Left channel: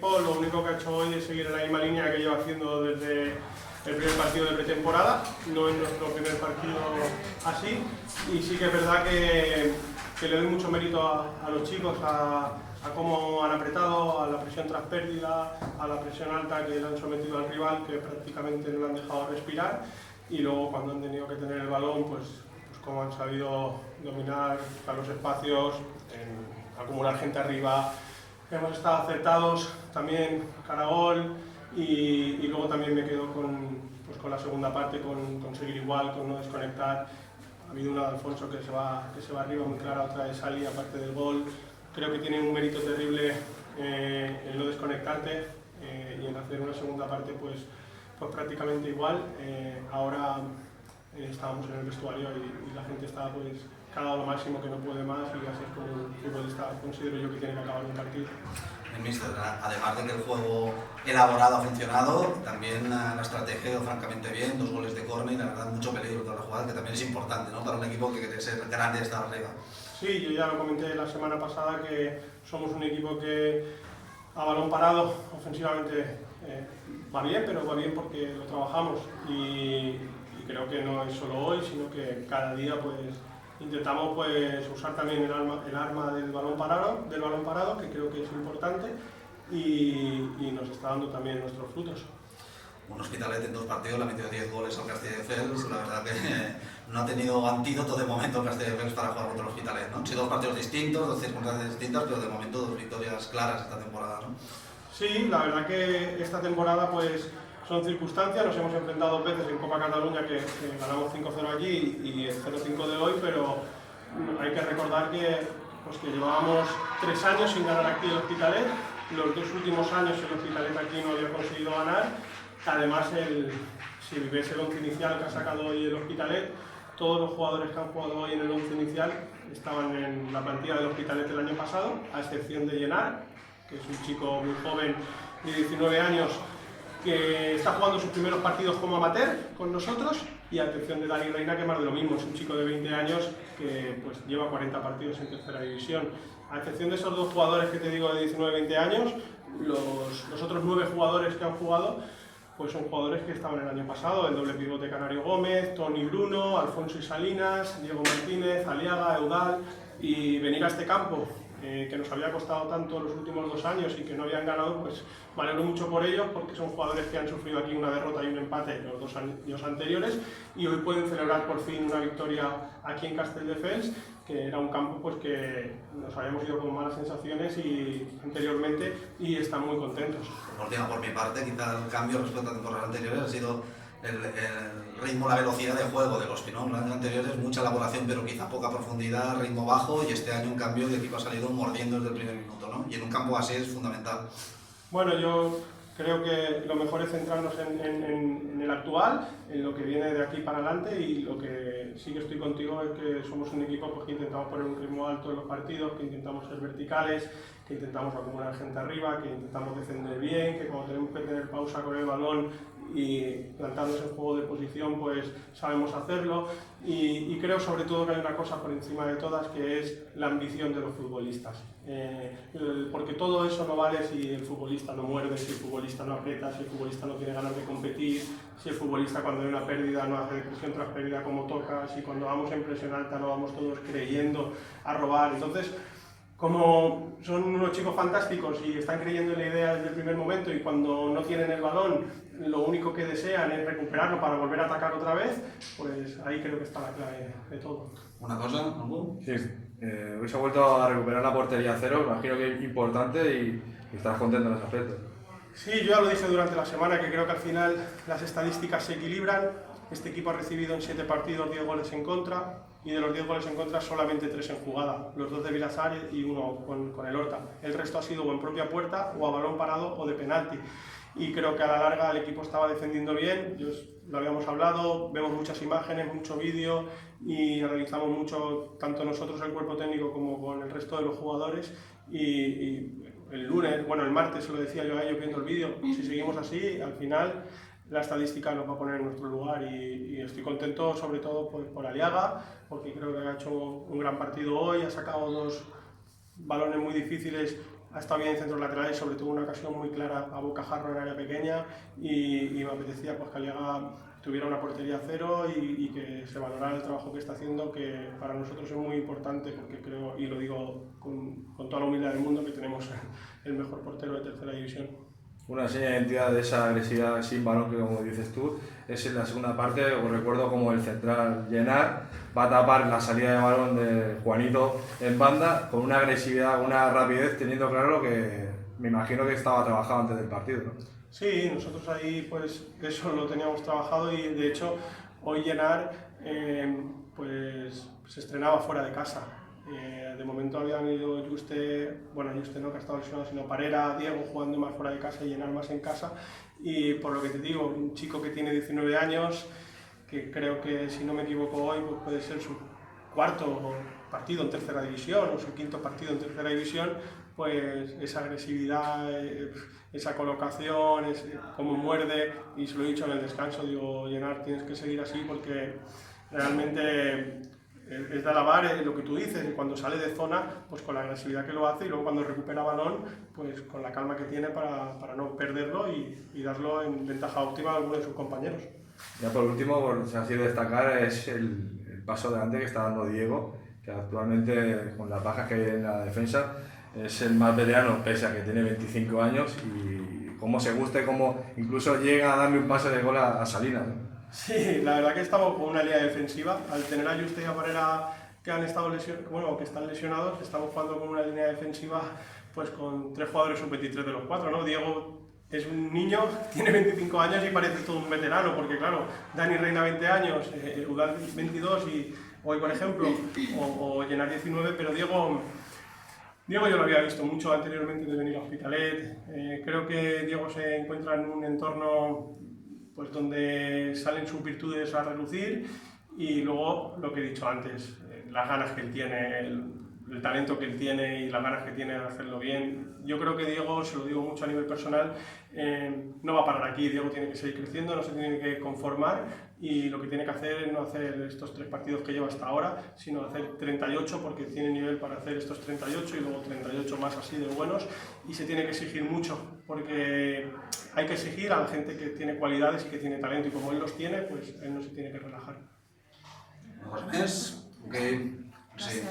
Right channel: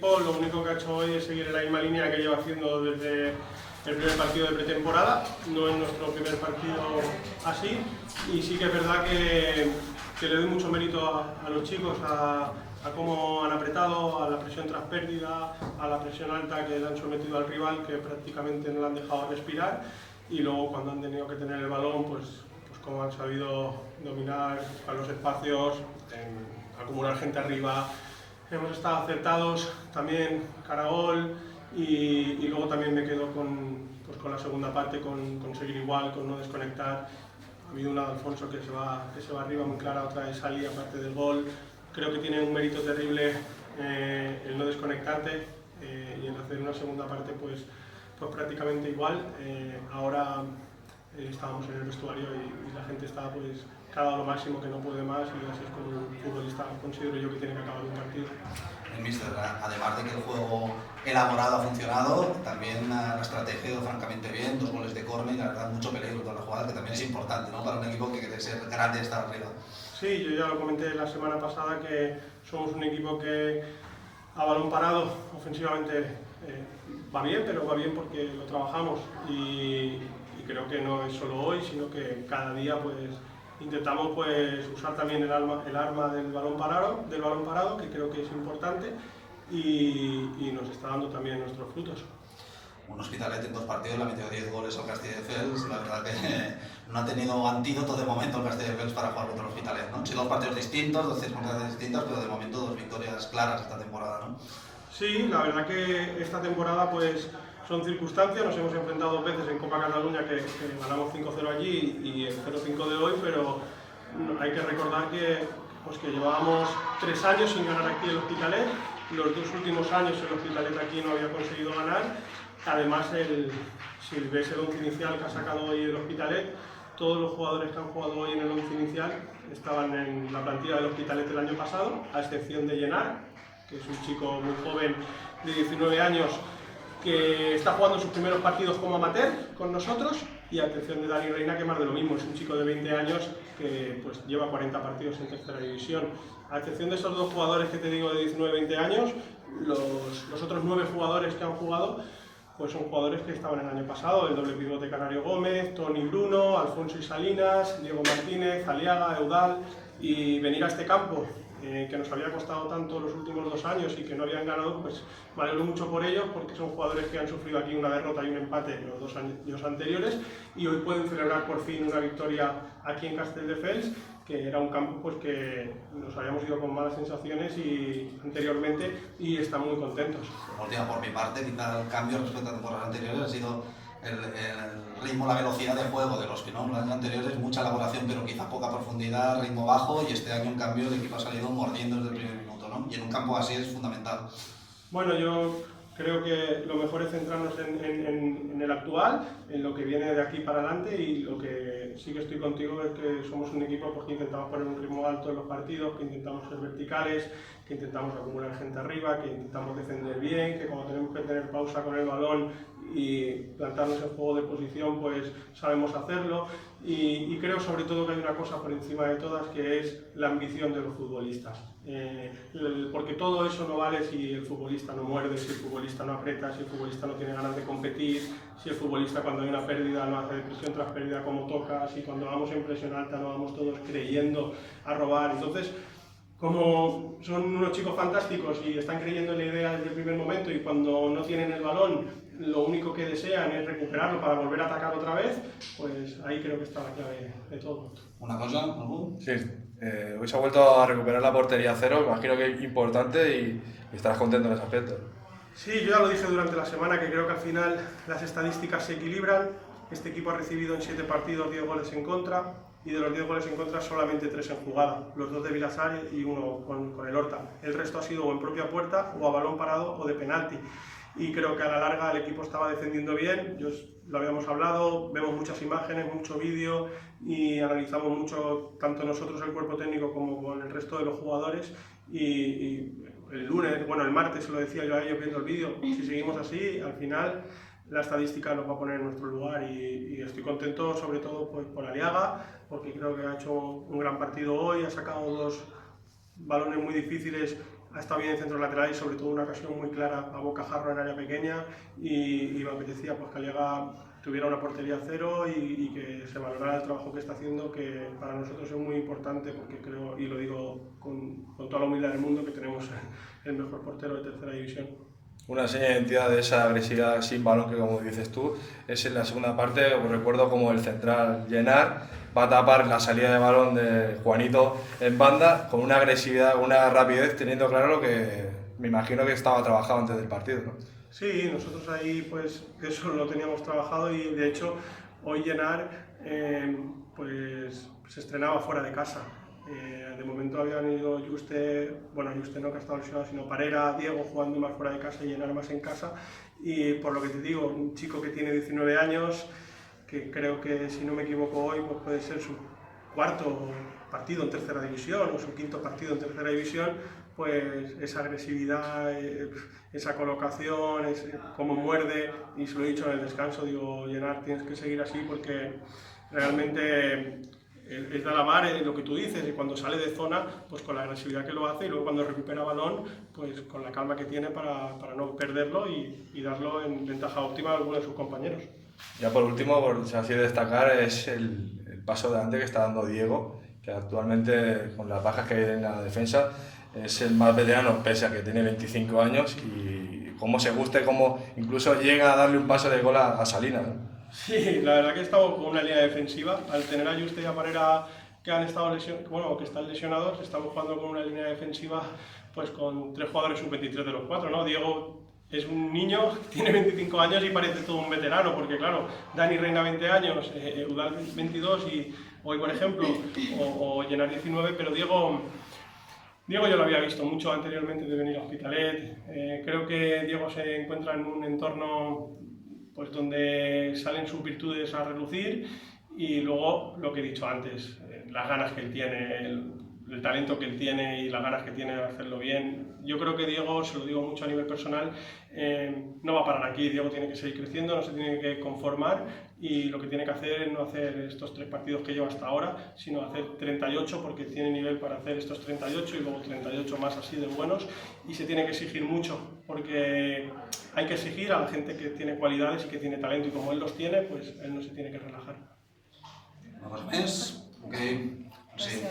equipo lo único que ha hecho hoy es seguir en la misma línea que lleva haciendo desde el primer partido de pretemporada. No es nuestro primer partido así, y sí que es verdad que le doy mucho mérito a los chicos, a cómo han apretado, a la presión tras pérdida, a la presión alta que le han sometido al rival, que prácticamente no le han dejado respirar, y luego cuando han tenido que tener el balón, pues cómo han sabido dominar a los espacios, acumular gente arriba. Hemos estado acertados también cara a gol, y luego también me quedo con la segunda parte, con seguir igual, con no desconectar. Ha habido una de Alfonso que se va arriba muy clara, otra de Sali, aparte del gol. Creo que tiene un mérito terrible el no desconectarte, y en hacer una segunda parte pues prácticamente igual. Ahora estábamos en el vestuario y la gente está pues que ha dado lo máximo, que no puede más, y así es como un futbolista considero yo que tiene que acabar un partido. Mister, además de que el juego elaborado ha funcionado, también la estrategia ha ido francamente bien, 2 goles de córner y la verdad mucho peligro con la jugada, que también es importante, ¿no?, para un equipo que quiere ser grande y estar arriba. Sí, yo ya lo comenté la semana pasada que somos un equipo que a balón parado ofensivamente va bien, pero va bien porque lo trabajamos, y creo que no es solo hoy, sino que cada día pues intentamos pues usar también el arma del balón parado, que creo que es importante, y nos está dando también nuestros frutos. Un Hospitalet en 2 partidos le ha metido 10 goles al Castelldefels. La verdad que no ha tenido antídoto de momento el Castelldefels para jugar contra el Hospitalet, ¿no? Han sido 2 partidos distintos, 2 circunstancias distintas, pero de momento 2 victorias claras esta temporada, ¿no? Sí, la verdad que esta temporada pues son circunstancias. Nos hemos enfrentado 2 veces en Copa Cataluña que ganamos 5-0 allí y el 0-5 de hoy, pero hay que recordar que llevábamos 3 años sin ganar aquí el Hospitalet. Los 2 últimos años el Hospitalet aquí no había conseguido ganar. Además, si ves el once inicial que ha sacado hoy el Hospitalet, todos los jugadores que han jugado hoy en el once inicial estaban en la plantilla del Hospitalet el año pasado, a excepción de Llenar, que es un chico muy joven de 19 años que está jugando sus primeros partidos como amateur con nosotros, y a excepción de Dani Reina, que más de lo mismo, es un chico de 20 años que pues lleva 40 partidos en tercera división. A excepción de esos 2 jugadores que te digo de 19-20 años, los otros 9 jugadores que han jugado pues son jugadores que estaban el año pasado: el doble pivote Canario Gómez, Toni Bruno, Alfonso y Salinas, Diego Martínez, Aliaga, Eudal. Y venir a este campo, que nos había costado tanto los últimos 2 años y que no habían ganado, pues me alegro mucho por ellos, porque son jugadores que han sufrido aquí una derrota y un empate en los 2 años anteriores, y hoy pueden celebrar por fin una victoria aquí en Castelldefels, que era un campo pues que nos habíamos ido con malas sensaciones anteriormente, y están muy contentos. Por mi parte, quizá el cambio respecto a temporadas anteriores ha sido el ritmo, la velocidad de juego de los que no. En los años anteriores mucha elaboración, pero quizá poca profundidad, ritmo bajo, y este año en cambio el equipo ha salido mordiendo desde el primer minuto, ¿no? Y en un campo así es fundamental. Bueno, yo creo que lo mejor es centrarnos en el actual, en lo que viene de aquí para adelante, y lo que sí que estoy contigo es que somos un equipo pues que intentamos poner un ritmo alto en los partidos, que intentamos ser verticales, que intentamos acumular gente arriba, que intentamos defender bien, que cuando tenemos que tener pausa con el balón y plantarnos en juego de posición pues sabemos hacerlo, y creo sobre todo que hay una cosa por encima de todas, que es la ambición de los futbolistas, porque todo eso no vale si el futbolista no muerde, si el futbolista no aprieta, si el futbolista no tiene ganas de competir, si el futbolista cuando hay una pérdida no hace presión tras pérdida como toca, si cuando vamos en presión alta no vamos todos creyendo a robar. Entonces, como son unos chicos fantásticos y están creyendo en la idea desde el primer momento, y cuando no tienen el balón lo único que desean es recuperarlo para volver a atacar otra vez, pues ahí creo que está la clave de todo. ¿Una cosa, Albu? Sí, hoy se ha vuelto a recuperar la portería cero, imagino que es importante, y estarás contento en ese aspecto. Sí, yo ya lo dije durante la semana, que creo que al final las estadísticas se equilibran. Este equipo ha recibido en 7 partidos 10 goles en contra, y de los 10 goles en contra solamente 3 en jugada, los 2 de Vilasar y 1 con el Horta. El resto ha sido o en propia puerta, o a balón parado, o de penalti. Y creo que a la larga el equipo estaba defendiendo bien. Lo habíamos hablado, vemos muchas imágenes, mucho vídeo, y analizamos mucho, tanto nosotros el cuerpo técnico como con el resto de los jugadores, y el martes se lo decía yo a ellos viendo el vídeo: si seguimos así, al final la estadística nos va a poner en nuestro lugar, y estoy contento sobre todo pues, por Aliaga, porque creo que ha hecho un gran partido hoy, ha sacado 2 balones muy difíciles ha estado bien en centro lateral y sobre todo una ocasión muy clara a bocajarro en área pequeña y me apetecía pues, que Aliaga tuviera una portería cero y que se valorara el trabajo que está haciendo, que para nosotros es muy importante porque creo, y lo digo con toda la humildad del mundo, que tenemos el mejor portero de tercera división. Una seña de identidad de esa agresividad sin balón que, como dices tú, es en la segunda parte. Os recuerdo como el central Llenar va a tapar la salida de balón de Juanito en banda con una agresividad, una rapidez, teniendo claro lo que me imagino que estaba trabajado antes del partido, ¿no? Sí, nosotros ahí pues eso lo teníamos trabajado y de hecho hoy Llenar pues se estrenaba fuera de casa. De momento habían ido Juste no, que ha estado lesionado, sino Parera, Diego jugando más fuera de casa y Llenar más en casa. Y por lo que te digo, un chico que tiene 19 años, que creo que si no me equivoco hoy pues puede ser su cuarto partido en tercera división o su quinto partido en tercera división, pues esa agresividad, esa colocación, cómo muerde, y se lo he dicho en el descanso, digo, Llenar, tienes que seguir así porque realmente es de alabar lo que tú dices, y cuando sale de zona, pues con la agresividad que lo hace, y luego cuando recupera balón, pues con la calma que tiene para no perderlo y darlo en ventaja óptima a alguno de sus compañeros. Ya por último, por así destacar, es el paso adelante que está dando Diego, que actualmente, con las bajas que hay en la defensa, es el más veterano, pese a que tiene 25 años, y cómo se gusta y cómo incluso llega a darle un pase de gol a Salinas, ¿no? Sí, la verdad que estamos con una línea defensiva. Al tener a Juste y a Parera que han estado que están lesionados, estamos jugando con una línea defensiva pues con 3 jugadores sub-23 de los 4, ¿no? Diego es un niño, tiene 25 años y parece todo un veterano, porque claro, Dani Reina 20 años, Eudal 22 y hoy por ejemplo, o Llenar 19, pero Diego yo lo había visto mucho anteriormente de venir a Hospitalet. Creo que Diego se encuentra en un entorno pues, donde salen sus virtudes a relucir y luego lo que he dicho antes, las ganas que él tiene, el talento que él tiene y las ganas que tiene de hacerlo bien. Yo creo que Diego, se lo digo mucho a nivel personal, no va a parar aquí. Diego tiene que seguir creciendo, no se tiene que conformar y lo que tiene que hacer es no hacer estos 3 partidos que lleva hasta ahora, sino hacer 38 porque tiene nivel para hacer estos 38 y luego 38 más así de buenos, y se tiene que exigir mucho porque hay que exigir a la gente que tiene cualidades y que tiene talento, y como él los tiene, pues él no se tiene que relajar. ¿Más? Ok. Sí.